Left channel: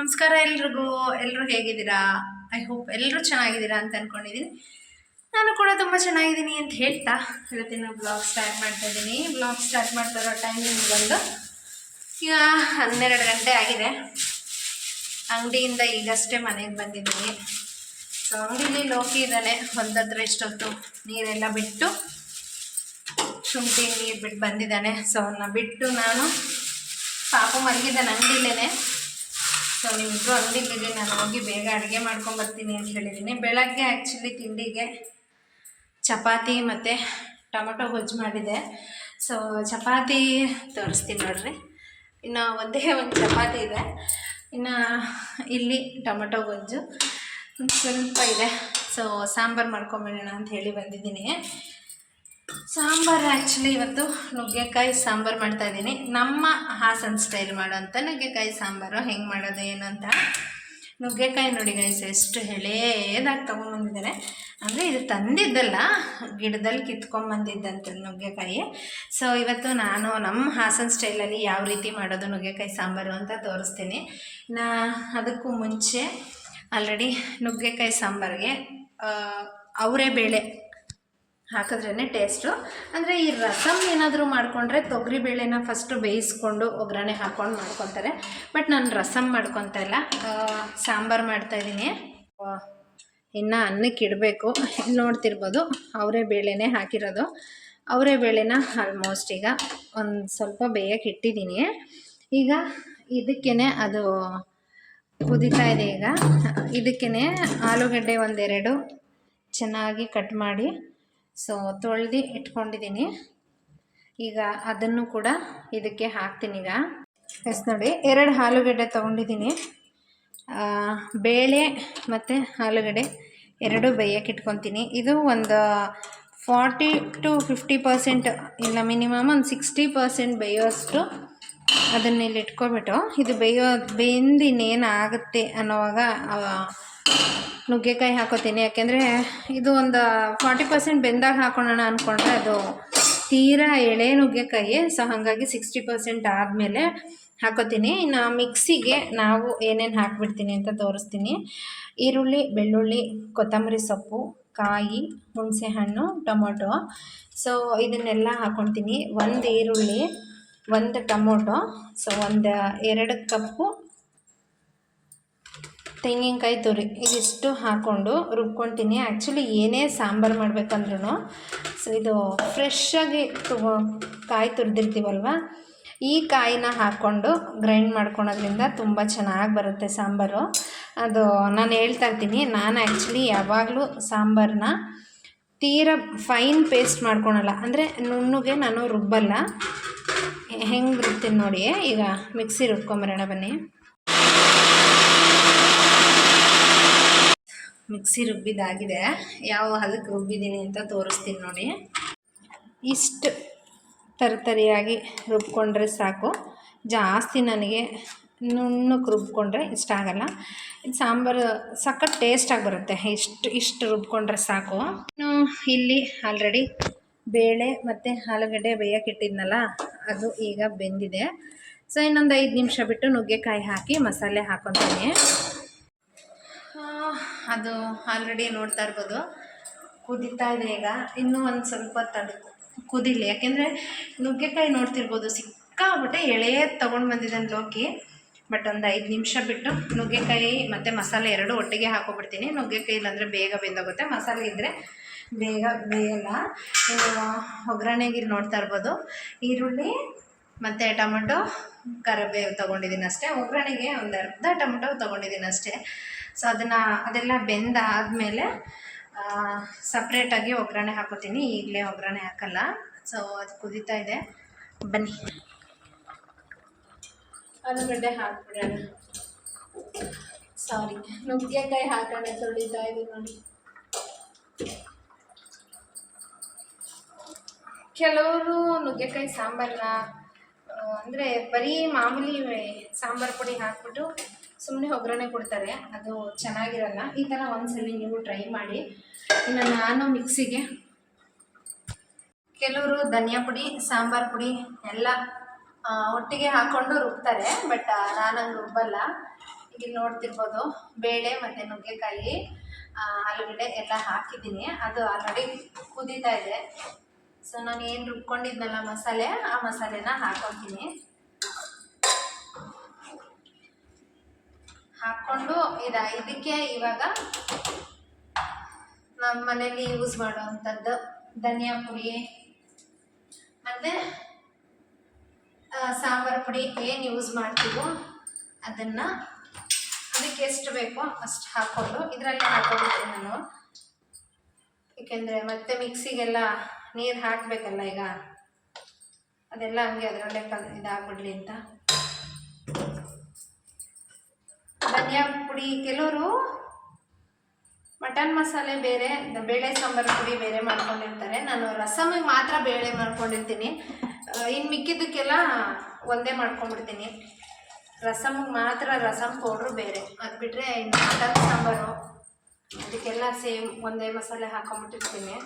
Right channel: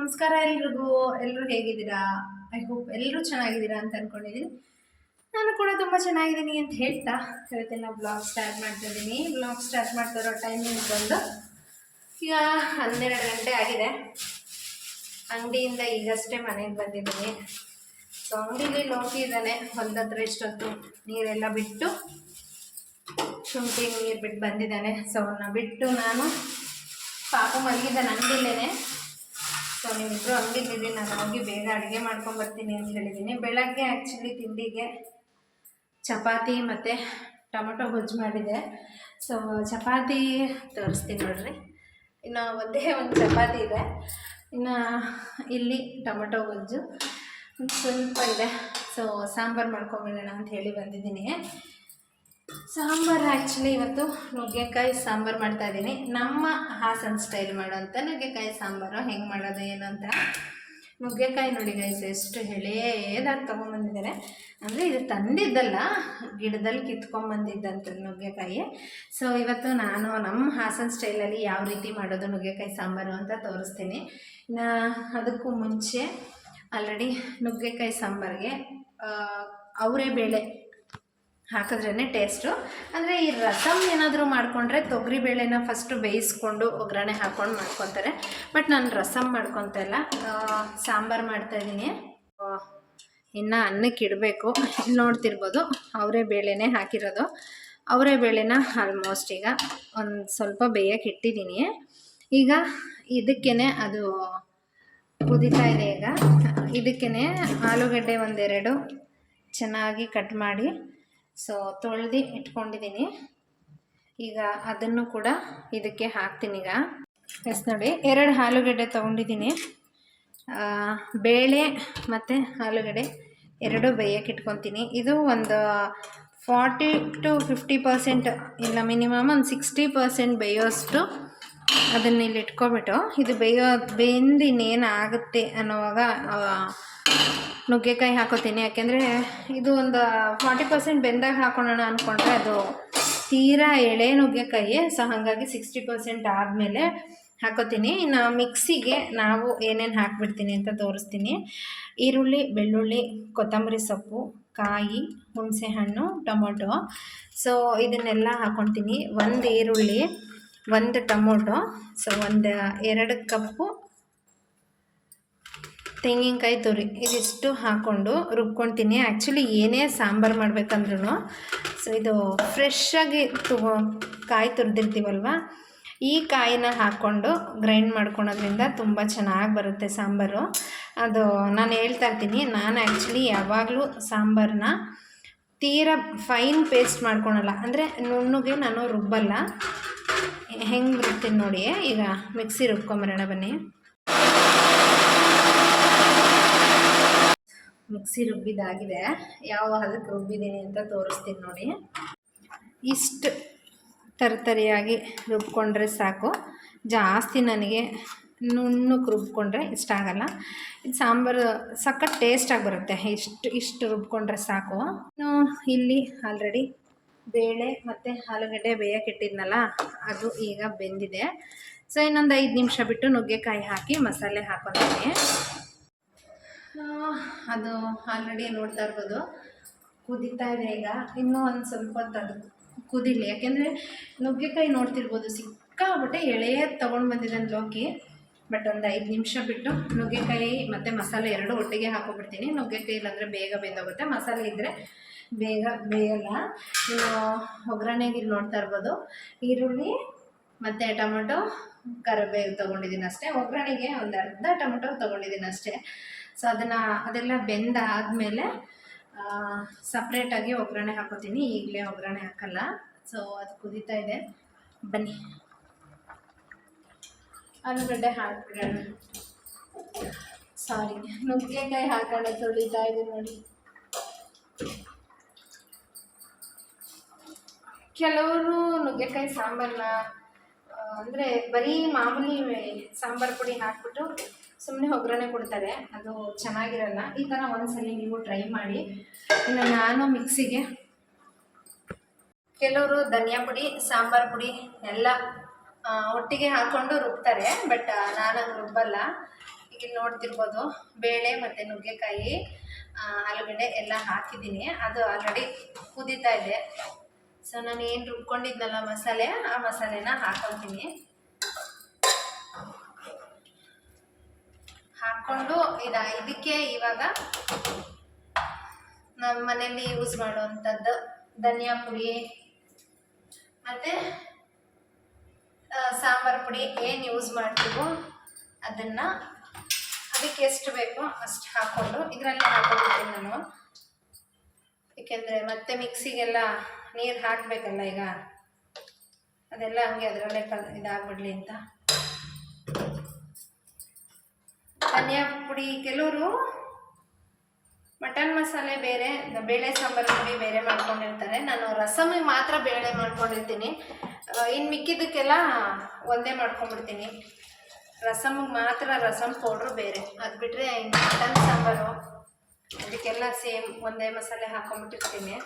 ನಮಸ್ಕಾರ ಎಲ್ರಿಗೂ. ಎಲ್ಲರೂ ಹೇಗಿದ್ದೀರಾ? ಐ ಹೋಪ್ ಎಲ್ಲರೂ ಚೆನ್ನಾಗಿದ್ದೀರಾ ಅಂತ ಅಂದ್ಕೊಂಡಿದ್ದೀನಿ. ನಾನು ಕೂಡ ತುಂಬ ಚೆನ್ನಾಗಿದ್ದೀನಿ ಅಂತ ಹೇಳ್ತಾ ಇವತ್ತಿನ ಬ್ಲಾಗ್ ಸ್ಟಾರ್ಟ್ ಮಾಡ್ತಾ ಇದ್ದೀನಿ. ಬ್ಲಾಗ್ ಸ್ಟಾರ್ಟ್ ಮಾಡ್ತಾ ಇರೋ ಟೈಮಿಂಗ್ ಬಂದು ಈಗ 12 ಗಂಟೆ ಆಗಿದೆ. ಅಂಗಡಿಯಿಂದ ಈಗಷ್ಟೇ ಮನೆಗೆ ಬಂದಿದ್ದೀನಿ. ಸೊ ಅಂಗಡಿಲಿ ಲೋಕಿ ಇದ್ದಾನೆ. ಹೊಲದತ್ರ ಇಷ್ಟೊತ್ತು ನೀರೆಲ್ಲ ಬಿಟ್ಟು ಶುಂಠಿ ನೀರು ಬಿಟ್ಟು ಬಂದಿದ್ದಾನೆ. ಸೊ ಅವನ್ನ ಬಿಟ್ಟು ನಾನು ಪಾಪು ಮಲಗಿದ್ದಾನೆ ಅಂಗಡಿಲೇ. ಸೊ ನೀವಿಬ್ಬರು ಅಂಗಡಿಲಿದೆ, ನಾನು ಹೋಗಿ ಬೇಗ ಅಡುಗೆ ಮಾಡ್ಕೊಂಬರ್ತೀನಿ ಅಂತ ಹೇಳಿದ್ದೀನಿ. ಬೆಳಗ್ಗೆ ಆ್ಯಕ್ಚುಲಿ ತಿಂಡಿಗೆ ಚಪಾತಿ ಮತ್ತು ಟೊಮೊಟೊ ಗೊಜ್ಜು ಮಾಡಿದೆ. ಸೊ ಚಪಾತಿ ತೋರಿಸ್ತೀನಿ ನೋಡ್ರಿ. ಇನ್ನು ಒಂದೇ ಒಂದು ಚಪಾತಿ ಇದೆ, ಇನ್ನು ಇಲ್ಲಿ ಟೊಮೊಟೊ ಗೊಜ್ಜು ಸ್ವಲ್ಪ ಇದೆ. ಸೊ ಸಾಂಬಾರು ಮಾಡ್ಕೊಂಬಿಡೋಣ ಅಂತ ಹೇಳಿ ಬಂದಿದ್ದೀನಿ. ಸಾಂಬಾರು ಆ್ಯಕ್ಚುಲಿ ಇವತ್ತು ನುಗ್ಗೆಕಾಯಿ ಸಾಂಬಾರು ಮಾಡ್ತಾಯಿದ್ದೀನಿ. ನಮ್ಮ ಹಾಸನ ಸ್ಟೈಲ್ ಮಾಡೋಂಥ ನುಗ್ಗೆಕಾಯಿ ಸಾಂಬಾರು ಹೆಂಗೆ ಮಾಡೋದು ಏನು ಅಂತ. ನುಗ್ಗೆಕಾಯಿ ನೋಡಿ ಗೈಸ್, ಎಷ್ಟು ಎಳೆದಾಗಿ ತೊಗೊಂಬಂದಿದ್ದಾರೆ. ಅಂದರೆ ಇದು ತಂದಿದ್ದಲ್ಲ, ಗಿಡದಲ್ಲಿ ಕಿತ್ಕೊಂಬಂದಿದ್ದಂಥ ನುಗ್ಗೆಕಾಯಿ. ಸೊ ಇವತ್ತು ನಾನು ನಮ್ಮ ಹಾಸನ ಸ್ಟೈಲಲ್ಲಿ ಯಾವ ರೀತಿ ಮಾಡೋದು ನುಗ್ಗೆಕಾಯಿ ಸಾಂಬಾರು ಅಂತ ತೋರಿಸ್ತೀನಿ. ಅದಕ್ಕೂ ಮುಂಚೆ ಆಲ್ರೆಡಿ ನುಗ್ಗೆಕಾಯಿ ಸಾಂಬಾರಿಗೆ ಅವರೇ ಬೇಳೆ ಹಾಕಿದ್ರೇ ಟೇಸ್ಟು. ಅಂದರೆ ಈ ರಸಮ್ ಏನಾದರೂ ಮಾಡಿಕೊಂಡ್ರೆ ತೊಗರಿಬೇಳೆನ ಫಸ್ಟು ಬೇಯಿಸ್ಕೊಂಡು ಒಗ್ಗರಣೆ ಹಾಕ್ಕೊಂಡು ಮಾಡ್ಕೊತಾರೆ. ಬಟ್ ನಾನು ರಸಮ್ ಮಾಡ್ಕೊತಾ ಇಲ್ಲ, ಸಾಂಬಾರು ಮಾಡ್ತಾಯಿದ್ದೀನಿ. ಇನ್ನು ಅನ್ನಕ್ಕೆ ಇಡಬೇಕು. ಇಲ್ಲಿ ನೋಡ್ತಿರ್ಬೋದು ಅವರೇ ಬೇಳೆನೇ ಹಾಕಿರೋದು. ಅವರೇ ಬೇಳೆನ ಆಲ್ಮೋಸ್ಟ್ ಈಗ ಒಂದು ಸ್ವಲ್ಪ ಬೇಯಕ್ಕೆ ಇಟ್ಟಿದ್ದೀನಿ. ಈಗ ಇದಕ್ಕೇ ಅದು ಕುದೀತಾ ಇದೆ. ಈಗ ಇದಕ್ಕೇ ಆಲೂಗಡ್ಡೆ ಒಂದೆರಡು ಚೆನ್ನಾಗಿ ಕಟ್ ಮಾಡಿ ಸೊ ತೊಳೆದು ಇಟ್ಕೊಂಡಿದ್ದೀನಿ. ಈಗ ಅದನ್ನು ಕೂಡ ಇದಕ್ಕೆ ಹಾಕ್ತೀನಿ. ಈಗ ಎಸ್ ನೋಡಿ, 2 ಆಲೂಗಡ್ಡೆ ತೊಗೊಂಡಿದ್ದೀನಿ. ಬೇಳೆ ಮತ್ತು ಆಲೂಗಡ್ಡೆ ಎರಡು ಬೇಯಕ್ಕೆ ಇಟ್ಕೊತೀನಿ. ಇದು ಒಂದು 40 to 50% ಇಲ್ಲ, ಮಿನಿಮಮ್ ಒಂದು 60% ಬೇಯೋಷ್ಟು ಅದನ್ನ ಇಲ್ಲಿ ಇಟ್ಕೊಬಿಟ್ಟು ಇದು ಬೆಂದು ಇನ್ನೇನು ಆಗುತ್ತೆ ಅನ್ನೋವಾಗ ನುಗ್ಗೆಕಾಯಿ ಹಾಕೋತೀನಿ. ಯಾಕೆಂದರೆ ಇದು ಒಂದು 40% ಬೆಂದಾಗ ಹಾಕೊಳ್ಳೋಣ ಅಂದ್ಕೊಂಡ್ರೆ ಅದು ತೀರಾ ಎಳೆ ನುಗ್ಗೆಕಾಯಿ. ಸೊ ಹಾಗಾಗಿ 60% ಆದಮೇಲೆ ಹಾಕೋತೀನಿ. ಇನ್ನು ಮಿಕ್ಸಿಗೆ ನಾವು ಏನೇನು ಹಾಕ್ಬಿಡ್ತೀನಿ ಅಂತ ತೋರಿಸ್ತೀನಿ. ಈರುಳ್ಳಿ, ಬೆಳ್ಳುಳ್ಳಿ, ಕೊತ್ತಂಬರಿ ಸೊಪ್ಪು, ಕಾಯಿ, ಹುಣಸೆಹಣ್ಣು, ಟೊಮೊಟೊ. ಸೊ ಇದನ್ನೆಲ್ಲ ಹಾಕ್ಕೊತೀನಿ. 1 ಈರುಳ್ಳಿ, 1 ಟೊಮೊಟೊ, ಸೊ 2 ಕಪ್ಪು ತೆಂಗಿನಕಾಯಿ ತುರಿ, ಇದಿಷ್ಟು ಹಾಕ್ಕೊಂಡು ರುಬ್ಕೊತೀನಿ. ಆ್ಯಕ್ಚುಲಿ ಏನೇ ಸಾಂಬಾರು ಮಾಡ್ಬೇಕಂದ್ರೂ ಸೊ ಇದು ಫ್ರೆಶ್ಶಾಗಿ ಕಾಯಿ ತುರಿದಿರ್ತೀವಲ್ವ, ಈ ಕಾಯಿನ ಹಾಕ್ಕೊಂಡು ಗ್ರೈಂಡ್ ಮಾಡ್ಕೊಳೋದ್ರಿಂದ ತುಂಬ ಚೆನ್ನಾಗಿ ಬರುತ್ತೆ ಸಾಂಬಾರು. ಅದು ನಾನು ಹೇಳ್ತಾ ಇರ್ತೀನಿ, ನಾನು ಆ್ಯಕ್ಚುಲಿ ಯಾವಾಗಲೂ ಸಾಂಬಾರನ್ನ ತೀರಾ ಫೈನ್ ಪೇಸ್ಟ್ ಮಾಡ್ಕೊಳಲ್ಲ, ಅಂದರೆ ನುಣ್ಣಗೆ ನಾನು ರುಬ್ಬಲ್ಲ. ಹೆಂಗೆ ರುಬ್ತೀನಿ ನೋಡಿ. ಈಗ ಮಿಕ್ಸಿ ರುಬ್ಕೊಂಬರೋಣ ಬನ್ನಿ. ಮಿಕ್ಸಿ ರುಬ್ಬಿದಾಗಿದೆ. ಯಾವ ಹದಕ್ಕೆ ರುಬ್ಬಿದ್ದೀನಿ ಅಂತ ತೋರಿಸ್ತೀನಿ ನೋಡಿ. ಇಷ್ಟು ತರಿಯಾಗಿ ರುಬ್ಕೊಂಡ್ರೆ ಸಾಕು. ಜಾಸ್ತಿ ನನಗೆ ನುಣ್ಣಕ್ಕೆ ರುಬ್ಕೊಂಡ್ರೆ ಇಷ್ಟ ಆಗಲ್ಲ. ಇದು ಸಾಂಬಾರು ಸಖತ್ ಟೇಸ್ಟಾಗಿ ಬರುತ್ತೆ. ಇಷ್ಟು ರುಬ್ಕೊಂಡ್ರೆ ಸಾಕು. ಇಲ್ಲಿ ಆಲ್ರೆಡಿ ಬೇಳೆ ಮತ್ತು ಆಲೂಗಡ್ಡೆ ಬೇಯಕ್ಕೆ ಇಟ್ಟಿದ್ನಲ್ಲ, ಅದು ಈಗ ಬೆಂದಿದೆ. ಸೊ ಇನ್ನೊಂದು 5 ನಿಮಿಷ ಬಿಟ್ಟು ನುಗ್ಗೆಕಾಯಿ ಹಾಕಿ ಮಸಾಲೆ ಹಾಕ್ಕೊತೀನಿ. ಅದು ಆಲ್ರೆಡಿ ನೋಡ್ತಾ ಇರ್ಬೋದು ಕುದೀತಾ ಇದೆ. ಈಗ ಇನ್ನೂ ಒಂದು ಸ್ವಲ್ಪ ಕುದೀಲಿ. ಯಾಕೆಂದರೆ ನುಗ್ಗೆಕಾಯಿ ನೋಡ್ತಿರ್ಬೋದು ಸಿಕ್ಕಾಬಿಟ್ಟೆ ಎಳೆಯದು ತೊಗೊಂಡು ಬಂದಿದ್ದಾನೆ ಲೋಕಿ. ಬಟ್ ಒಂದು 5 ನಿಮಿಷ ಬಿಟ್ಟು ನುಗ್ಗೆಕಾಯಿ ಮತ್ತು ಮಸಾಲೆ ಎರಡೂ ಒಟ್ಟಿಗೆ ಹಾಕೋಬಿಡ್ತೀನಿ. ನುಗ್ಗೆಕಾಯಿ ಇಲ್ಲಾಂದರೆ ಬೇಗ ಬೆಂದೋಗುತ್ತೆ, ಮಸಾಲೆ ಇದ್ದರೆ ಬೇಗ ಬೇಯಲ್ಲ. ಇನ್ನು ಒಗ್ಗರಣೆಗೆ ಇಲ್ಲಿ ನೋಡ್ತಾ ಇರ್ಬೋದು ಈರುಳ್ಳಿ ಮತ್ತು ಟೊಮೊಟೊ, ಕರಿಬೇವು ತೊಗೊಂಡಿದ್ದೀನಿ ಅಷ್ಟೇ. ಒಗ್ಗರಣೆಗೆ ಒಂದು ಅರ್ಧ ಟೊಮೊಟೊ ತೊಗೊಂಡಿದ್ದೀನಿ ಅಷ್ಟೇ. ಸೊ ಅದೆಲ್ಲ ಬೆಂದಾದಮೇಲೆ ಸಪ್ರೇಟಾಗಿ ಒಗ್ಗರಣೆ ಹಾಕೋತೀನಿ. ಈಗಲೇ ಒಗ್ಗರಣೆ ಹಾಕಲ್ಲ. ಸೊ ಅದು ಕುದೀತಾ ಇದೆ, ಬನ್ನಿ ಆಲೂಗಡ್ಡೆ ಹಾಕ್ಬಿಡೋಣ. ಸಾರಿ, ನುಗ್ಗೆಕಾಯಿ ಹಾಕೋಣ. ತೊಳಿತಾ ಇದೆ ನೋಡಿ. ಕೆಲವರು ನುಗ್ಗೆಕಾಯಿ ಸಾಂಬಾರನ್ನ ಅಂದರೆ ಬರೀ ಮಾಮೂಲಿ ಸಾಂಬಾರು ಪುಡಿ ಹಾಕ್ಬಿಟ್ಟು ಸುಮ್ಮನೆ ಒಗ್ಗರಣೆ ಕೊಡ್ತಾರೆ, ಅದು ಚೆನ್ನಾಗಿರಲ್ಲ. ಈ ಥರ ಒಂದ್ಸಲಿ ನೀವು ಟ್ರೈ ಮಾಡಿ. ಇನ್ನು ನಾನು ಮಿಕ್ಸಿಗೆ ಕೆಲವರು ಧನಿಯಾ ಪುಡಿ, ಸಾಂಬಾರು ಪುಡಿ ಎಲ್ಲ ಒಟ್ಟಿಗೆ ಹಾಕ್ಕೊಂಡು ರುಬ್ತಾರೆ. ಬಟ್ ನಾನು ಹಂಗೆ ರುಬ್ಬಲ್ಲ. ಈಗ ಇಲ್ಲಿ ನೋಡ್ತಿರ್ಬೋದು ಬೇಳೆ ಮತ್ತು ನುಗ್ಗೆಕಾಯಿ, ಆಲೂಗಡ್ಡೆ ಎಲ್ಲ ಹಾಕಿದ್ದೀನಿ. ಅದು ಆಲ್ರೆಡಿ ಕುದೀತಾ ಇದೆ. ಸೊ ನಾನು ಏನು ರುಬ್ಕೊಂಡಿದ್ನಲ್ಲ ಮಸಾಲೆ, ಆ ಮಸಾಲೆನ ಹಾಕ್ಕೊತೀನಿ. ಹಾಕ್ಕೊಂಡು ಇದಕ್ಕೆ ಇವಾಗ ನಮ್ಮ ಮನೇಲಿ ಯೂಸ್ ಮಾಡುವಂಥದ್ದು ಧನಿಯಾ ಪುಡಿ ಮತ್ತು ಸಾಂಬಾರು ಪುಡಿ ಏನು ಯೂಸ್ ಮಾಡ್ತೀವೋ ಅದನ್ನು ಅದಕ್ಕೆ ಎಷ್ಟು ಬೇಕೋ ಅಷ್ಟು ಹಾಕ್ಕೊಂಡು ಇದರಲ್ಲೇ ಹಾಕ್ಕೊಬಿಡ್ತೀನಿ ನಾನು. ಏಕೆಂದರೆ ಮತ್ತೆ ಮಿಕ್ಸಿಗೆಲ್ಲ ನೀರು ಹಾಕಬೇಕಲ್ಲ, ಈಗ ಅದೆಲ್ಲ ಹಂಗೆ ಅದರಲ್ಲೇ ಇದಾಗ್ಬಿಡ್ಲಿ ಅಂತ. ಧನಿಯಾ ಪುಡಿ, ಕೆಲವರು ಮಟನ್ ಮಸಾಲೆ ಬೇರೆ, ಬೇಳೆ ಸಾಂಬಾರು ಪುಡಿ ಬೇರೆ ಮಾಡ್ಕೊಂಡಿರ್ತಾರೆ. ನಾನು ರಸಮಿಗೆ ಮಾತ್ರ ಬೇಳೆ ಮಾಡ್ಕೊಂಡಿರ್ತೀನಿ. ಇನ್ನು ಮಿಕ್ಕಿದ್ದಕ್ಕೆಲ್ಲ ಒಂದೇ ಮಾಡ್ಕೊಂಡ್ಬಿಡ್ತೀನಿ. ರಸಮಿಗೆ ಮಾತ್ರ ರಸಮ್ ಪೌಡ್ರು ಬೇರೆ. ಅದು ಬಿಟ್ಟರೆ ಇನ್ನು ಮಟನ್ ಸಾಂಬಾರು ಅದಕ್ಕೆಲ್ಲ ಸೇಮ್ ಒಂದೇ ಮಸಾಲೆ ಹಾಕೊಂಡ್ಬಿಟ್ಟಿರ್ತೀನಿ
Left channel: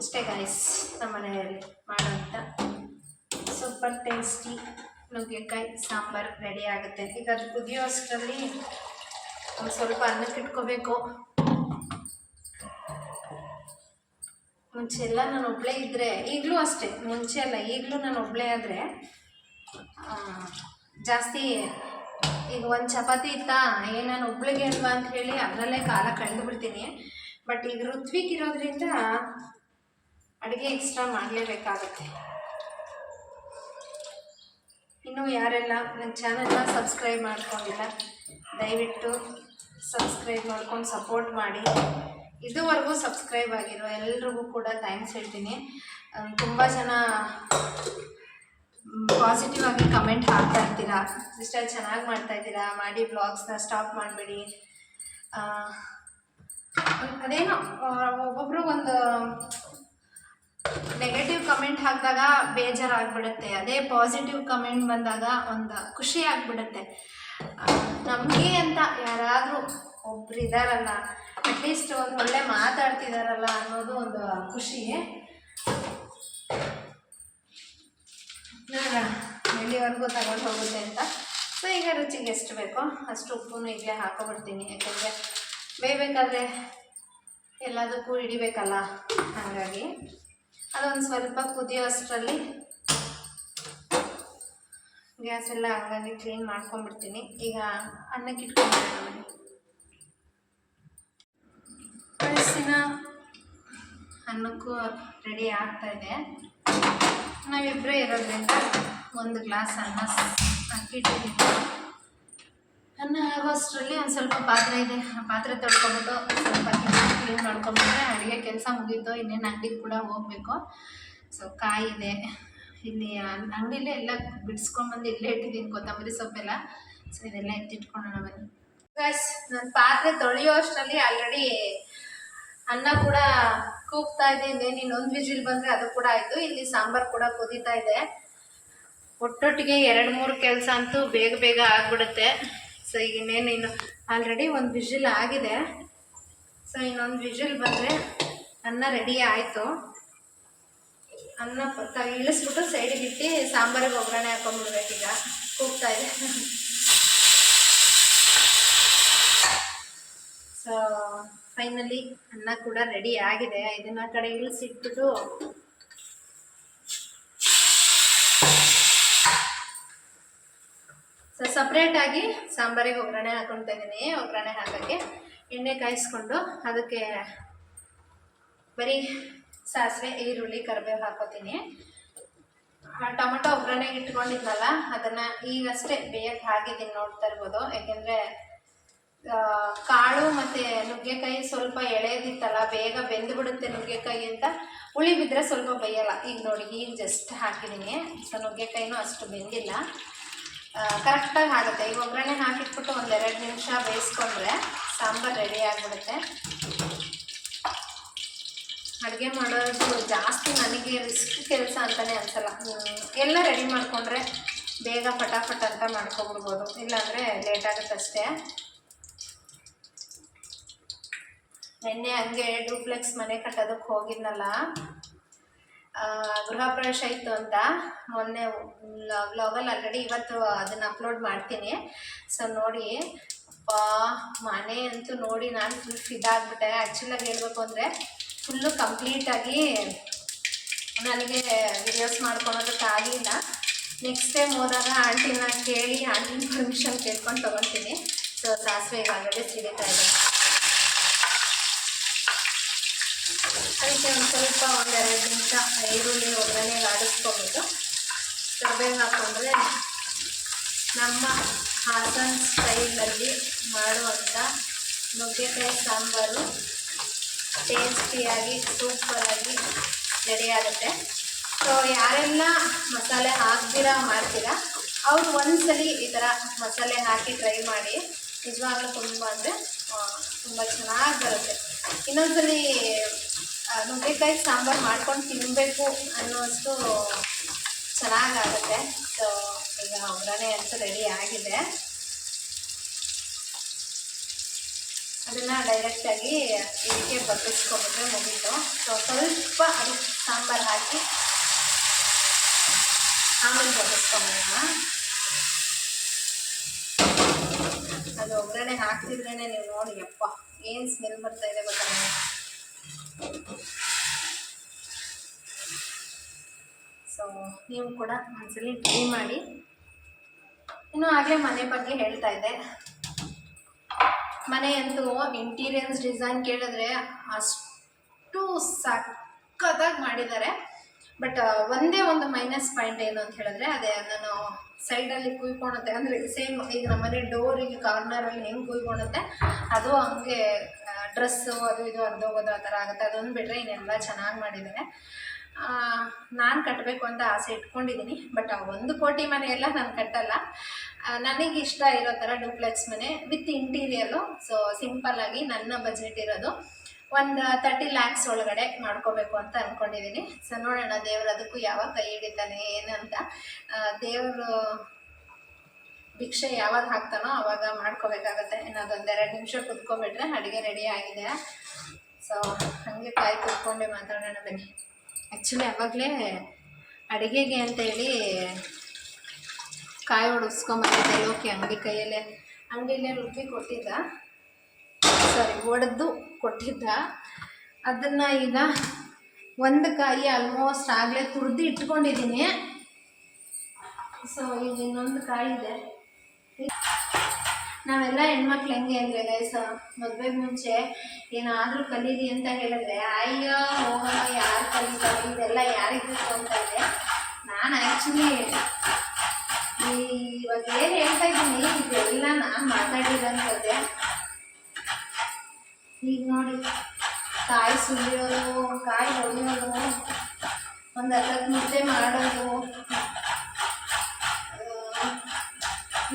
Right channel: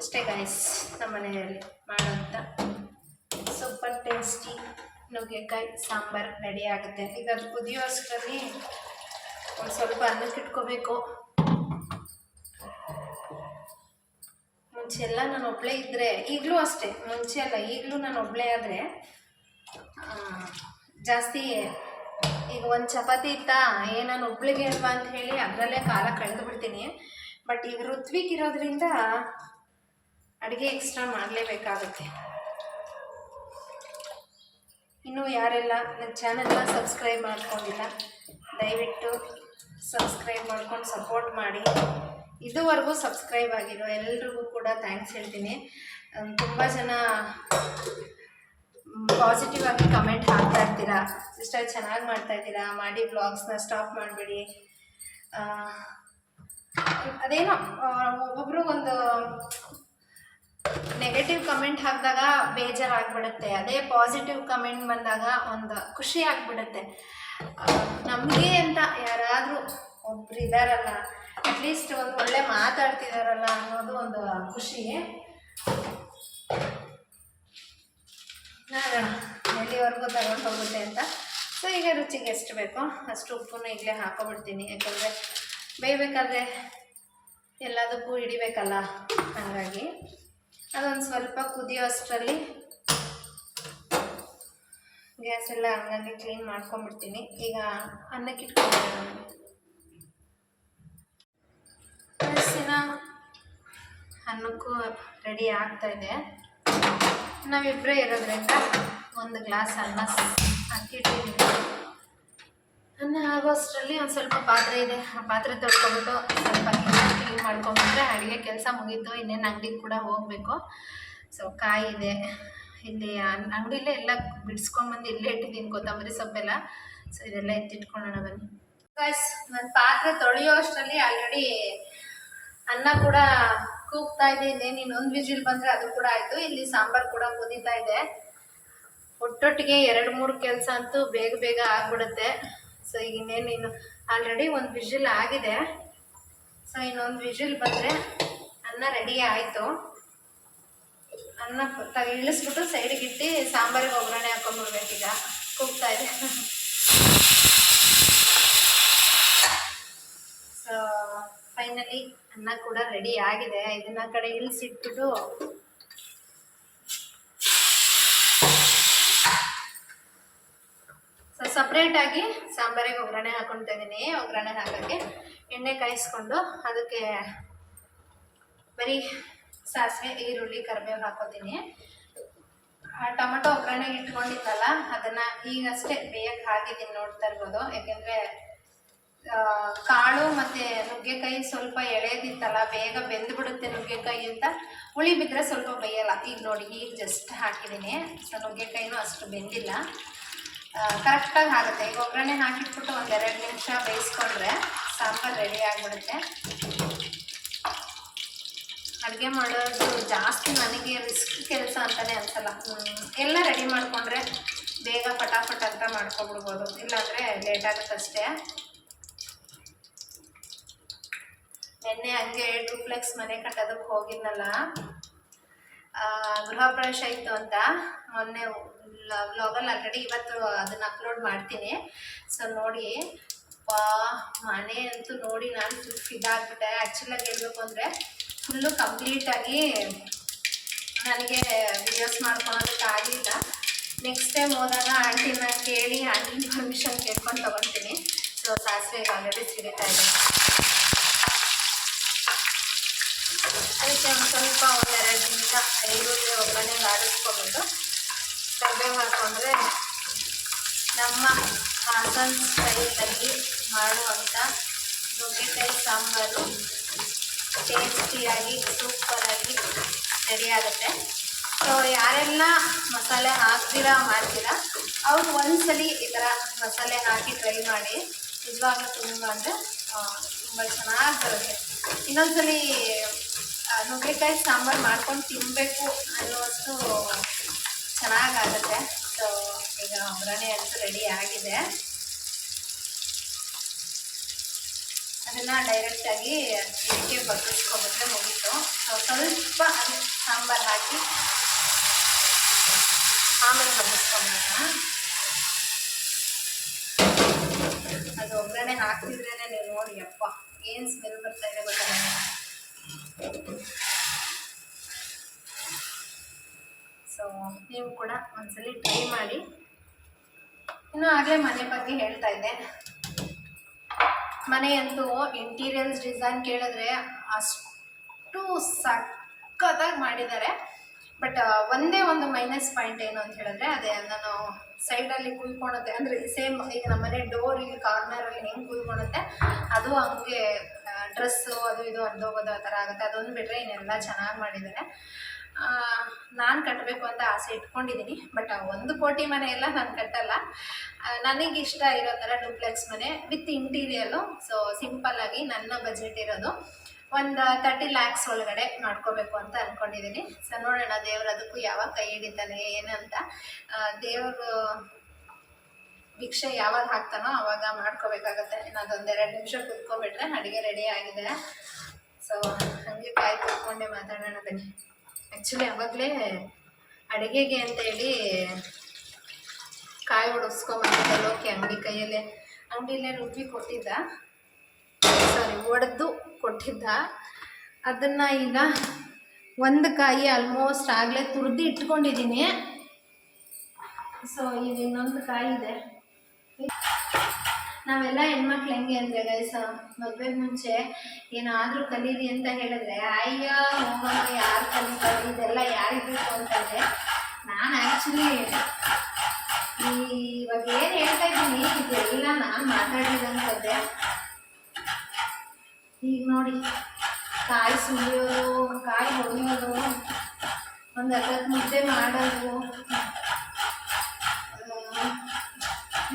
ಅಷ್ಟೇ ಗೈಸ್. ನಮ್ಮ ಮನೆಯಲ್ಲಿ ಮಾಡೋಂಥ ಸೂಪರ್ ಟೇಸ್ಟಿ ನುಗ್ಗೆಕಾಯಿ ಸಾಂಬಾರು ರೆಡಿ ಆಗುತ್ತೆ. ಈಗ ಅದು ಕುದಿಯೋ ಅಷ್ಟರಲ್ಲಿ ಒಂದು ಸ್ವಲ್ಪ ಅನ್ನಕ್ಕೆ ಇಟ್ಕೋಬೇಕು. ಮುಂಚೆ ಎಲ್ಲ ನಾನು ಒಬ್ಬಳೇ ಇದ್ದರೆ, ಈಗಲೂ ಅಷ್ಟೇ, ಮುಂಚೆ ಅಲ್ಲ ಈಗಲೂ ನಾನು ಒಬ್ಬಳೇ ಆದರೆ ಜಾಸ್ತಿ, ಈಗ ಒಂದು ಚಪಾತಿ ಇತ್ತಾ ನಾನು ಒಬ್ಳಿಗೆ ಅಲ್ವಾ ಅಂತ ಹೇಳಿ ಅದರಲ್ಲೇ ಕಾಲ ಕಳೆದು ಬಿಡ್ತೀನಿ. ಬಟ್ ಈಗ ಋತ್ವಿಕ್ ಇರೋದ್ರಿಂದ ಅಡುಗೆ ಎಕ್ಸ್ಟ್ರಾ ಮಾಡಲೇಬೇಕಾಗುತ್ತೆ. ಇನ್ನೂ ಯಾರೆಲ್ಲ ನನ್ನ ಚಾನಲ್ನ ಸಬ್ಸ್ಕ್ರೈಬ್ ಮಾಡ್ಕೊಂಡಿಲ್ಲ, ದಯವಿಟ್ಟು ಸಬ್ಸ್ಕ್ರೈಬ್ ಮಾಡ್ಕೊಂಡು ಸಪೋರ್ಟ್ ಮಾಡಿ. ಇದುವರೆಗೂ ಸಬ್ಸ್ಕ್ರೈಬ್ ಆಗಿರೋ ಎಲ್ರಿಗೂ ಕೂಡ ಥ್ಯಾಂಕ್ಸ್ ಹೇಳ್ತೀನಿ. ತುಂಬ ಜನ ಪಾಸಿಟಿವ್ ಆಗಿ ಕಮೆಂಟ್ ಹಾಕ್ತಾ ಇರ್ತೀರಾ, ಸಿಸ್ಟರ್ ಚೆನ್ನಾಗಿ ಮಾಡ್ತಾಯಿದ್ದೀರಾ, ಮಾಡಿ ಬ್ಲಾಗ್ಸ್ನ ಸ್ಟಾಪ್ ಮಾಡಬೇಡಿ. ಅದೇನೋ ಒಬ್ಬೊಬ್ಬರು ಒಂದು ನೆಗೆಟಿವ್ ಕಮೆಂಟ್ ಹಾಕಿದಾಗ ಬೇಜಾರಾಗ್ಬಿಡುತ್ತೆ. ಅದೇ ಪಾಸಿಟಿವ್ ಕಮೆಂಟ್ ಬಂದಾಗ ಒಂದು ಖುಷಿ ಆಗಿಬಿಡುತ್ತೆ. ನಮಗೆ ಅಂತ ಯಾರಾದರೂ ಒಬ್ರು ಇದ್ದಾರಲ್ಲ, ಅಟ್ಲೀಸ್ಟ್ ಒಂದು ಒಳ್ಳೆ ಮಾತಾಡ್ತಿದಾರಲ್ಲ ಅನ್ನೋದು ಒಂದು ಖುಷಿ. ನೋಡೋಣ ಎಲ್ಲಿವರೆಗೂ ತಗೊಂಡು ಹೋಗುತ್ತೆ ಅಂತ. ಸೊ ಈಗ ರುಚಿಗೆ ಎಷ್ಟು ಬೇಕೋ ಅಷ್ಟು ಉಪ್ಪನ್ನು ಈಗಲೇ ಹಾಕೊಬಿಡ್ತೀನಿ. ಯಾಕೆಂದರೆ ಬೇಯಬೇಕಾದ್ರೆ ಎಲ್ಲದಕ್ಕೂ ಹಿಡಿಬೇಕಲ್ಲ, ಹಾಗಾಗಿ ಅದೊಂದು ಸ್ವಲ್ಪ ಕುದಿಯೋ ಅಷ್ಟರಲ್ಲಿ ಗ್ಯಾಸ್ ಎಲ್ಲ ಹಂಗಾಗಿ ಕ್ಲೀನ್ ಮಾಡ್ಕೊಂಡ್ಬಿಡ್ತೀನಿ. ಈಗ ಅನ್ನಕ್ಕೆ ಇಟ್ಕೊಂಡ್ಬಿಡೋಣ. ಮನೆ ಪರಿಸ್ಥಿನ ಅನ್ನಕ್ಕೂ ರೆಡಿ ಆಗ್ತಾಯಿದೆ. ನಾವಿಬ್ಬರೇ ಇರೋದ್ರಿಂದ ಒಂದು ಗ್ಲಾಸ್ ಅನ್ನ ಹಾಕಿಟ್ಟಿದ್ದೀನಿ. ಅನ್ನ ಆಗೋಷ್ಟರಲ್ಲಿ ಒಂದು ಸ್ವಲ್ಪ ಪಾತ್ರೆ ಇದೆ, ಆ ಪಾತ್ರೆ ತೊಳ್ಕೊಬಿಟ್ಟು ಸ್ವಲ್ಪ ಕ್ಲೀನ್ ಮಾಡ್ಕೊಂಡ್ಬಿಟ್ರೆ ಅಡುಗೆ ಕೆಲಸ ಮುಗೀತು. ಇನ್ನೇನು ಅಂಗಡಿಗೆ ಕೂಡ ಹೋಗಬೇಕು. ಸೊ ಕಾಯಿ ಇದೆ ಇಲ್ಲಿ ಅಂಗಡಿಲೇ, ಎಲ್ಲ ಬಿಡಿಸ್ಕೊಂಡ್ಬಂದು ಇಲ್ಲೇ ಇಟ್ಟಿದ್ದೀನಿ ಕೊತ್ತಂಬರಿ ಸೊಪ್ಪೆಲ್ಲ. ಸೊ ಇದೆಲ್ಲ ಎತ್ತಿಟ್ಕೊಳ್ಳೋಣ ಬನ್ನಿ ಗೈಸ್. ನಾನು ಪಾತ್ರೆ ತೊಳೆಯೋ ಅಷ್ಟರಲ್ಲಿ ಆಲ್ರೆಡಿ ಅನ್ನ ಕೂಡ ಕೂಗ್ತಾ ಇದೆ. ಇನ್ನೇನು ಇನ್ನೊಂದು ವಿಜಿಲ್ ಬಂದರೆ ಅದು ಕೂಡ ಆಯಿತು. ಇಲ್ಲಿ ಸಾಂಬಾರು ಕೂಡ ಕುದೀತಾ ಇದೆ. ಒಟ್ಟೊಟ್ಟಿಗೆ 2-3 ಕೆಲಸ ಅಂತೂ ಬೇಗ ಬೇಗ ಆಗಿಬಿಡುತ್ತೆ. ಸೊ ಈಗ ಇನ್ನೇನು ಆಲ್ರೆಡಿ ಒಂದು ವಿಜಿಲ್ ಆಗಿದೆ. ಸೊ ಇನ್ನೊಂದು ವಿಜಿಲ್ ಬಂದರೆ ಅನ್ನ ರೆಡಿ ಆಯಿತು. ಅನ್ನ ಇಳಿಸ್ಬಿಟ್ಟು ಸೈಡಿಗೆ ಇಟ್ಟು ಸಾಂಬಾರಿಗೆ ಒಗ್ಗರಣೆ ಹಾಕೊಂಡ್ಬಿಡ್ಬೇಕೀಗ. ಕೂಗ್ತಾ ಇದೆ. ಸೊ ಫೈನಲಿ ಅನ್ನ ಕೂಡ ರೆಡಿ ಆಗಿದೆ. ಇದನ್ನ ಕಡೆ ಇಳಿಸಿಟ್ಬಿಟ್ಟು ಸೊ ಸಪ್ರೇಟಾಗಿ ಸಾಂಬಾರಿಗೆ ಒಗ್ಗರಣೆ ಹಾಕೊಳ್ತಾ ಇದ್ದೀನಿ. ಒಗ್ಗರಣೆ ಹಾಕೋಕ್ಕೆ ಎಣ್ಣೆ ಕಾಯಿಸ್ಕೊಂಡು ಅದಕ್ಕೆ ಬರೀ ಸಾಸಿವೆ, ಈರುಳ್ಳಿ, ಕರಿಬೇವು ಹಾಕೋತೀನಿ. ಟೊಮೆಟೊ ಒಗ್ಗರಣೆಗೆ ಇಟ್ಕೊಂಡಿದ್ನಲ್ಲ ಅದನ್ನು ಈಗಷ್ಟೇ ಬೇಯಕ್ಕೆ ಹಾಕಿದ್ದೀನಿ, ನೋಡ್ತಾ ಇರ್ಬೋದು. ಯಾಕೆಂದರೆ ಕಾಳು ಮತ್ತು ನುಗ್ಗೆಕಾಯಿ ಸ್ವಲ್ಪ ಎಳೆದಿತ್ತಲ್ಲ, ಬೇಗ ಬೆಂದುಬಿಡುತ್ತೆ ನುಗ್ಗೆಕಾಯಿ ಅಂತ. ಹುಳಿ ಬಿದ್ದರೆ ಸ್ವಲ್ಪ ಬೇಯಲ್ಲ. ಈಗ ನೋಡಿ, ಈಗ ಜಸ್ಟ್ ಹಾಕಿದ್ದೀನಿ. ಸೊ ನುಗ್ಗೆಕಾಯಿನೂ ಅಷ್ಟು ಬೆಂದಿಲ್ಲ, ಕರೆಕ್ಟಾಗಿ ಆಗುತ್ತೆ. ಈಗ ಒಗ್ಗರಣೆ ಹಾಕಿಟ್ಬಿಟ್ಟು ಒಂದು 2 ನಿಮಿಷ ಬೇಯಿಸ್ಕೊಂಡ್ರೆ ಸಾಂಬಾರು ರೆಡಿ ಆಗಿಬಿಡುತ್ತೆ. ಅಡುಗೆ ಮಾಡೋದು ಜಾಸ್ತಿ ನನಗೆ ರಿಸ್ಕ್ ಕೆಲಸ ಅಂತಲೇ ಅನ್ಸಲ್ಲ. ಎಲ್ಲ ರೆಡಿ ಮಾಡಿಕೊಂಡ್ರೆ ಬೇಗ ಫಟಾಫಟ್ ಅಂತ ಮಾಡ್ಕೊಬಿಡ್ಬೋದು, ಇಲ್ಲಾಂದರೆ ಲೇಟ್ ಆಗುತ್ತೆ ಅಷ್ಟೇ. ನಿನ್ನೆ ಹಂಗೆ ಡೂಪ್ಲೆಕ್ಸ್ ಮನೆ ಕಟ್ಟೋದಕ್ಕೆ ಹೋಗಿದ್ನಲ್ಲ, ಗೃಹ ಪ್ರವೇಶ ಇತ್ತು ಅಂತ ಮೊನ್ನೆ ವ್ಲಾಗಲ್ಲಿ ಆಲ್ರೆಡಿ ಇವತ್ತು ಅದನ್ನು ಅಪ್ಲೋಡ್ ಮಾಡ್ತೀನಿ. ಸೊ ನೋಡಿ ಮನೆ ಅಂತೂ ನೋಡಿ ನಾನು ಫುಲ್ ಫಿದಾಗ್ಬಿಟ್ಟೆ. ಆ್ಯಕ್ಚುಲಾಗಿ ಹೇಳ್ಬೇಕು ಅಂದರೆ ಫುಲ್ಲು ಕಂಪ್ಲೀಟಾಗಿ ನನಗೆ ವಿಡಿಯೋಸ್ ಮಾಡ್ಕೊಳೋದಕ್ಕಾಗಲಿಲ್ಲ. ನೆಕ್ಸ್ಟ್ ಟೈಮ್ ಹೋದಾಗ ಆಂಟಿನ ಕೇಳಿ ಆಂಟಿನ ಪರ್ಮಿಷನ್ ಕೇಳ್ಕೊಂಡು ತೊಗೊಳ್ತೀನಿ. ಸೊ ಸಾಸಿವೆ ಆಲ್ರೆಡಿ ಸಿಡಿತಾ ಇದೆ. ಅದಕ್ಕೆ ಒಂದು ಸ್ವಲ್ಪ 1-2 ನಿಮಿಷ ಈರುಳ್ಳಿ ಒಗ್ಗರಣೆಗೆ ಆಡಿಸ್ಕೊಬೇಕು. ಕರಿಬೇವು ಹಾಕ್ಕೊಂಡ್ರೆ ನಮ್ಮ ಹಾಸನ ಸ್ಟೈಲಲ್ಲಿ ಮಾಡುವಂಥ ನುಗ್ಗೆಕಾಯಿ ಸಾಂಬಾರು ಟೇಸ್ಟಿಯಾಗಿ ಸೂಪರಾಗಿ ರೆಡಿ ಆಗುತ್ತೆ. ಸೊ ಯಾರೆಲ್ಲ ಮಸಾಲೆ ಹಾಕ್ದಿರ ಮಾಡ್ತೀರಾ ಅವ್ರು ಒಂದ್ಸಲಿ ಈ ಥರ ಮಸಾಲೆ ಹಾಕಿ ಟ್ರೈ ಮಾಡಿ. ನಿಜವಾಗ್ಲೂ ತುಂಬ ಅಂದರೆ ತುಂಬ ಚೆನ್ನಾಗಿ ಬರುತ್ತೆ. ಇನ್ನೊಂದ್ಸಲಿ ನುಗ್ಗೆಕಾಯಿ ಸಾಂಬಾರು ಮಾಡ್ಕೊಂಡು ತಿನ್ನಬೇಕು ಅನ್ನೋಷ್ಟು ಚೆನ್ನಾಗಾಗುತ್ತೆ. ಸೊ ಈಗ ಒಗ್ಗರಣೆ ಅಂತೂ ರೆಡಿ ಆಗಿದೆ. ಅದನ್ನು ಡೈರೆಕ್ಟಾಗಿ ಇದಕ್ಕೆ ಬಗ್ಗಿಸ್ಕೊಬಿಟ್ರೆ ಮುಗೀತು. ಸೊ ಸ್ವಲ್ಪ ಅದಕ್ಕೆ ಸಾಂಬಾರು ಹಾಕಿ ಆಮೇಲೆ ಬಗ್ಗಿಸ್ಕೊಂಬೋಣ. ಅದು ಒಗ್ಗರಣೆ ಹಾಕ್ತಿದ್ರೇ ನೀವು ನೋಡಿ ಅಪ್ಪ ಏನು ಸ್ಮೆಲ್ ಬರ್ತಾ ಇದೆ ಗೊತ್ತಾ. ಸೊ ನೀವು ಕೂಡ ಒಂದ್ಸಲಿ ಟ್ರೈ ಮಾಡಿ. ಇನ್ನು ಆಗಲೇ ಮನೆ ಬಗ್ಗೆ ಹೇಳ್ತಾ ಇದ್ದೆ. ಮನೆಯಂತೂ ಇಂಟೀರಿಯರ್ಸ್ ಡಿಸೈನ್ ಕೇಳಿದ್ರೆ ಅಷ್ಟು ಸಕ್ಕತ್ತಾಗಿ ಮಾಡಿದ್ದಾರೆ. ಬಟ್ ಒಂದೇ ಒಂದು ಮೈನಸ್ ಪಾಯಿಂಟ್ ಏನು ಅಂತ ಹೇಳಿದ್ರೆ ಅದೇ ನಾನು ಸೈಡಲ್ಲಿ ಕುಯ್ಕೊಳುತ್ತೆ. ಅಂದರೆ ಸೇಮ್ ಈಗ ನಮ್ಮನೆ ಡೋರಿಗೆ ಕಾರ್ನರಲ್ಲಿ ಹೆಂಗೆ ಕುಯ್ಕೊಳುತ್ತೆ ಅದು ಹಂಗೆ ಡ್ರೆಸ್ಸು ಅದು ಇದು ಅರ್ಧೋಗೋದು ಆ ಥರ ಆಗುತ್ತೆ. ಅದೊಂದು ಬಿಟ್ಟರೆ ಇನ್ನೆಲ್ಲ ಚೆನ್ನಾಗಿ ಮಾಡಿದ್ದಾರೆ. ನಾನು ಕಟ್ಟಬೇಕು ಅಂತ ಆಸೆ ಇಟ್ಕೊಂಡಿದ್ದೀನಿ. ಬಟ್ ಆ 1 ಕೋಟಿ ಮನೆ ಎಲ್ಲ ನಾನು ಕಟ್ಟಲ್ಲ. ನನಗಿಷ್ಟ ಇರೋ ಥರ ಡೂಪ್ಲೆಕ್ಸ್ ಮನೆ ವಿತ್ ಇಂಟೀರಿಯರು. ಸೊ ಸಿಂಪಲ್ಲಾಗಿ ನನ್ನ ಬಜೆಟ್ ಇರೋದು ಒಂದು 30 lakhs ಒಳಗಡೆ ಮಾಡ್ಕೋಬೇಕು ಅಂತ ಅಂದ್ಕೊಂಡಿದ್ದೀನಿ. ಸೊ ನೋಡೋಣ ದೇವ್ರು ಅದಕ್ಕೂ ಯಾವಾಗ ಕೈ ಹಿಡಿತಾನೆ ಏನಂತ. ದೇವರು ಭಿಕ್ಷೆ ಯಾವಾಗ ಹಾಕ್ತಾನೋ ಆವಾಗ ಮಾಡ್ಕೋಬೇಕಾಗತ್ತೆ. ಇನ್ನೊಂದು 2 ನಿಮಿಷ ಕುತ್ಕೊಬಿಟ್ರೆ ಅಡುಗೆ ರೆಡಿ ಆಗಿದೆ. ಸೊ ಹಾಗೆ ಕಾಯಿ ಕುತ್ಕೊಂಡೆ ಮಾತಾಡೋಣ ಬನ್ನಿ. ಆ್ಯಕ್ಚುಲಿ ಆವಾಗಲೇ ಅಡುಗೆಗೆ ಅಂತೇಳಿ ಕಾಯಿ ಹೊಡಿಸ್ಕೊಂಬಂದಿದ್ದೆ. ಲೋಕಿ ಅಂಗಡಿಯಲ್ಲೇ ರುಬ್ಬಿ ಕೊಟ್ಟಿದ್ದ, ಒಡೆದು ಕೊಟ್ಟಿದ್ದ. ಅದನ್ನು ಈಗ ಒಂದು ಕಾಯಿ ಆಲ್ಮೋಸ್ಟ್ ಆಗಲೇ ತುರಿದು ಇಟ್ಕೊಂಡಿದ್ದೀನಿ. ಸೊ ಈಗ ಇನ್ನೊಂದು ಕಾಯಿ ಇದೆ. ನಾವೆಲ್ಲ ಹೆಣ್ಮಕ್ಳು ಹೆಂಗೆ ಅಂದರೆ ಗೈಸ, ಮದುವೆಗೆ ಮುಂಚೆ ಏನಾದರೂ ಕಲೀರಿ ಅಂತ ಹೇಳಿದ್ರೆ ಅಯ್ಯ ಹೋಗಮ್ಮ ಯಾರು ಕಲಿತಾರೆ ಇದೆಲ್ಲ ಯಾರಿಗೆ ಬೇಕು ಅಂತ ಇದೆ. ನಾನು ಆ್ಯಕ್ಚುಲಿ ಇವಾಗ ಏನು ಹೇಳ್ತಾ ಇದ್ದೀನಿ ಇದೆಲ್ಲ ನಾನು ಮಾತಾಡಿರೋಂಥದ್ದೇ. ಈಗ ನೋಡಿ ಕಾಯಿ ಸುಲಿಯೋದು, ಕಾಯಿ ಹೊಡೆಯೋದು, ಒಂದು ಅರ್ಧಕ್ಕೆ ಮುದ್ದೆ ಮಾಡೋದು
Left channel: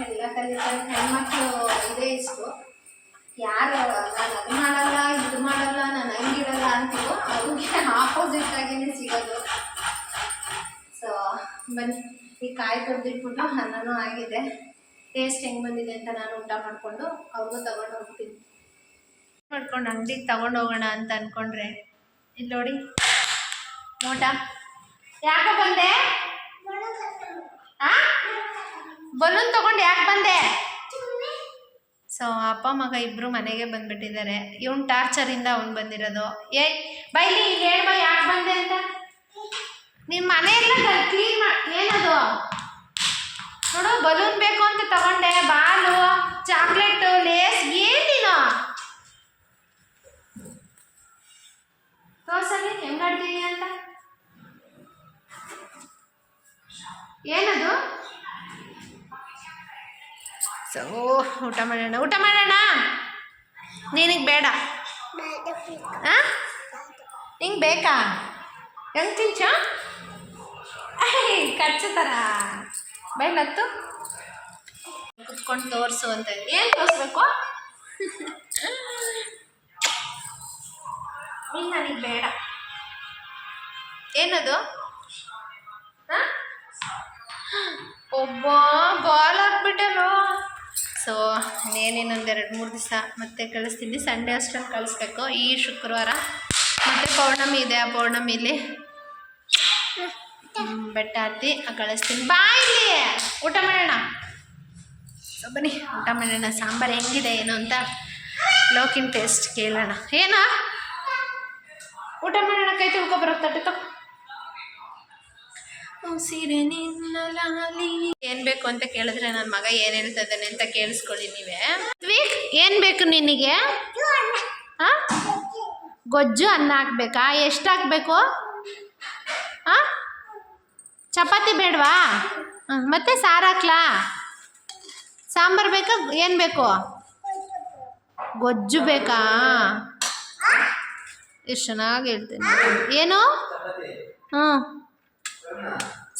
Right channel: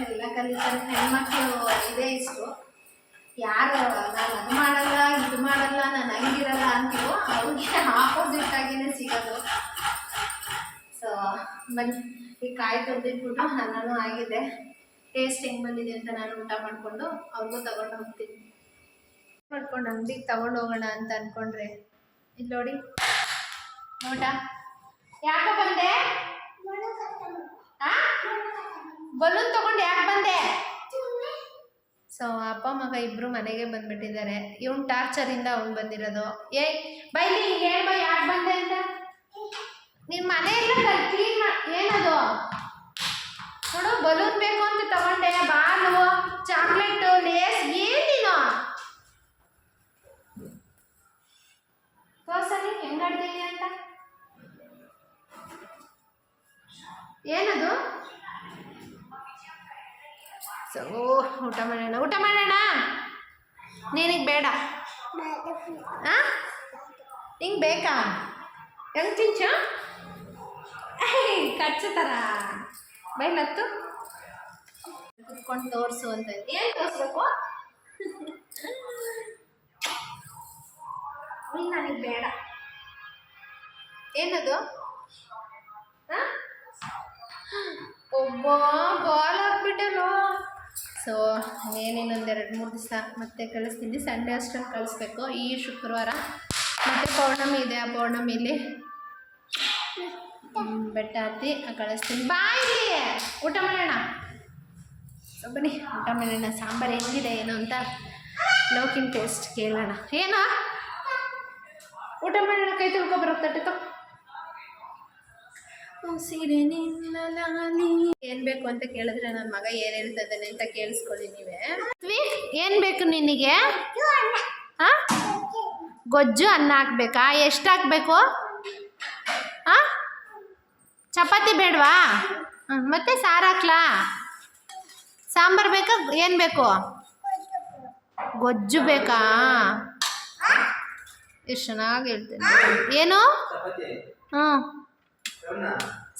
ಎಲ್ಲ ಕಲಿತಾರೆ ಹೆಣ್ಮಕ್ಳು. ಇದೇ ಇಷ್ಟು. ಯಾರು ನಾನು ಅದು ಮಾಡಲ್ಲ ಇದು ಮಾಡಲ್ಲ ನಾನು ಹಂಗಿರಲ್ಲ ಅಂತೀವೋ ಅವ್ರಿಗೆ ಆಪೋಸಿಟ್ ಆಗಿನೇ ಸಿಗೋದು. ಸೊ ಬನ್ನಿ ಈ ಕಾಯಿ ತೊಳೆದಿಟ್ಬಿಟ್ಟು ಅನ್ನನೂ ಆಗಿದೆ. ಟೇಸ್ಟ್ ಹೆಂಗೆ ಬಂದಿದೆ ಅಂತ ನಾನು ಊಟ ಮಾಡಿಕೊಂಡು ಅವ್ರಿಗೂ ತಗೊಂಡು ಹೋಗ್ತೀನಿ. ಮಾಡ್ಕೊಂಡು ಅಂಗಡಿಗೆ ತಗೊಂಡು ಹೋಗೋಣ ಅಂತ ಅಂದ್ಕೊಂಡ್ರೆ ಇಲ್ಲಿ ನೋಡಿ ಊಟ ಯಾಕೆ ಬಂದೆ? ಬಲೂನ್ ತಗೊಂಡು ಯಾಕೆ ಬಂದೆ? ಸೊ ಅಪ್ಪ ಮಗ ಇಬ್ಬರು ಮನೆಗೆ ಬಂದುಬಿಟ್ಟಿದ್ದಾರೆ. ಇವನು ಟಾರ್ಚರಿಂದ ಅವ್ನು ಬಂದಿರೋದು. ಬೈಲಿ ಇಲ್ಲಿ ಹೇಳ್ಬ ಯಾಕೆ ಬಂದೆ ಅಂತ. ನಿಮ್ಮ ಮನೆಯೆಲ್ಲ ಕ್ಲೀನ್ ಏನದು ನೋಡು, ಬಲೂನ್ ಬೇಕು ಅಂತ ತಗೊಂಡೆ, ಬಾಲು, ಚಾಕ್ಲೇಟು, ಲೇಸ್, ಏನು ನೀನು ತೋರ್ಸಲ್ಲಿ ಹೆಂಗಾಡ್ತೀನಿ ಅಂತ. ಏನದು? ಸೊ ಊಟ ಮಾಡೋಣ. ನಿನಗೆ ಬೇಡ? ಹಾಂ ನಿಂಗೆ ಬೇಕಾ? ಹೆಂಗೆ ತಿಂಚ ಕಚ್ಚ ಥರ ಬೈಲತ್ತು ಕುತ್ಕೊಂಡು ತೋರಿಸು ಅಂತ. ಏನು ತೋರಿಸ್ಬೇಕು? ನೀನು ನನಗೆ ಬೇಡ. ಏನದು? ಹಾಂ ಒಬ್ಬ ಬಾಲ್ ಹಾಕ್ಬಿಟ್ಟಲ್ಲೋ. ಸೊ ಇನ್ನೇನಿನ್ನೊಂದು 2-3 ದಿವಸ ಮತ್ತೆ ಕಳಿಸ್ತೀನಿ. ಸಂಡೇ ಅಷ್ಟರಲ್ಲಿ ಕಳಿಸ್ಬೇಕು. ಈ ಶುಕ್ರವಾರ ಮತ್ತು ಪೌರ್ಣಮಿ ಇದೆ. ಆ ಪೌರ್ಣಮಿಲಿ ಬೆಟ್ಟ ಹತ್ತಿ ಕಳಿಸ್ತೀನಿ. ಬಾ ಇಲ್ಲಿ ಊಟ ಮಾಡೋಣ. ಬನ್ನಿ ಊಟ ಮಾಡೋಣ. ಸಾಂಬಾರು ಹೆಂಗಿದೆ ಏನು ಅಂತ ಲೋಕಿನ ಟೇಸ್ಟ್ ಕೇಳೋಣ. ಏನೋ ಊಟ ಮಾಡೋಣ. ಕೈ ತೊಳ್ಕೊಬರೋಕೆ ತಟ್ಟೆ ತಗೋ. ಸೀರೆ ನಿನ್ನಲಾಲಿ ಏನು ಬೇಕು ಅಂತ ಕೇಳಿದ್ರೆ ನನ್ನ ಮಗ ಏನು ಹೇಳ್ತಾ ಇದ್ದಾನೆ ಅಂತ ಕೇಳಿಸ್ಕೊಳ್ಳಿ ನೀವೇ. ಏನು ಬೇಕು ನಿನಗೆ? ಹಾಂ, ಗೊಜ್ಜು ಅನ್ನ ಹಾಕ್ಬೇಕಾ? ಎಷ್ಟು ಹಾಕ್ಬೇಕು? ಹಾಂ, ಚಪಾತಿ ಬೇಡವಾ? ಮತ್ತೆ ಸಾರು ಹಾಕ್ಲಾ? ಸಾಂಬಾರು ಬೇಕಾ? ಏನು ಬೇಕು? ಗೊಜ್ಜು ಬೇಕಾ? ಎಷ್ಟು ಚೆನ್ನಾಗಿ ಹೇಳ್ತೇನೆ. ಏನು? ಹ್ಞೂ,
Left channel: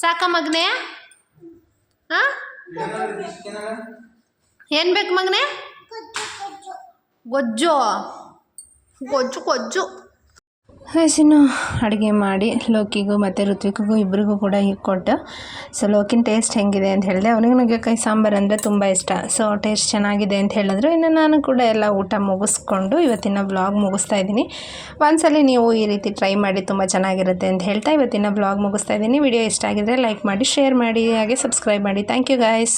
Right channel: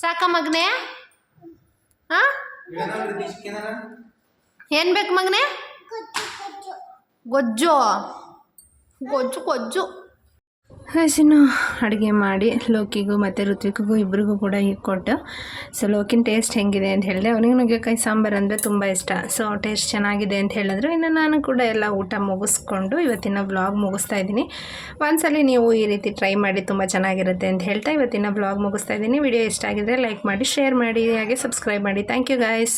ಸಾಕ ಮಗನೇ? ಹಾಂ, ಏನು ಬೇಕು ಮಗನೇ? ಗೊಜ್ಜು ಗೊಜ್ಜು ಗೊಜ್ಜು. ಹಸಿನು ಅಡುಗೆ ಮಾಡಿ ಲೋಕಿಗೂ ಮತ್ತು ಋತ್ವಿಕ್ಗೂ ಇಬ್ಬರಿಗೂ ಕೂಡ ಕೊಟ್ಟು, ಸೊ ಲೋಕಿನ ಟೇಸ್ಟ್ ಹೆಂಗಿದೆ ಅಂತ ಹೇಳಿದೆ. ಅವನಿಗೆ ನುಗ್ಗೆಕಾಯಿ ಸಾಂಬಾರು ಅಂದರೆ ತುಂಬ ಇಷ್ಟ. ಸೊ ಟೇಸ್ಟ್ ಚೆನ್ನಾಗಿದೆ ಅಂತ ಹೇಳಿದ್ರು. ಇನ್ನು ನಾನು ಕೂಡ ಎಲ್ಲ ಊಟ ಮುಗಿಸ್ಕೊಂಡು ಇವತ್ತಿನ ವ್ಲಾಗ್ ಮುಗಿಸ್ತಾ ಇದ್ದೀನಿ. ಒಂದ್ಸಲ ನೀವು ಈ ರೀತಿ ಟ್ರೈ ಮಾಡಿ, ತುಂಬ ಚೆನ್ನಾಗಿರುತ್ತೆ ಅಂತ ಹೇಳ್ತಾ ಇವತ್ತಿನ ವ್ಲಾಗ್ ಮುಗಿಸ್ತಾ ಇದ್ದೀನಿ. ವಿಡಿಯೋ ಇಷ್ಟ ಆಗಿದ್ರೆ ಲೈಕ್ ಮಾಡಿ, ಶೇರ್ ಮಾಡಿ, ಹಾಗೆ ಸಬ್ಸ್ಕ್ರೈಬ್ ಮಾಡಿ. Thank you guys.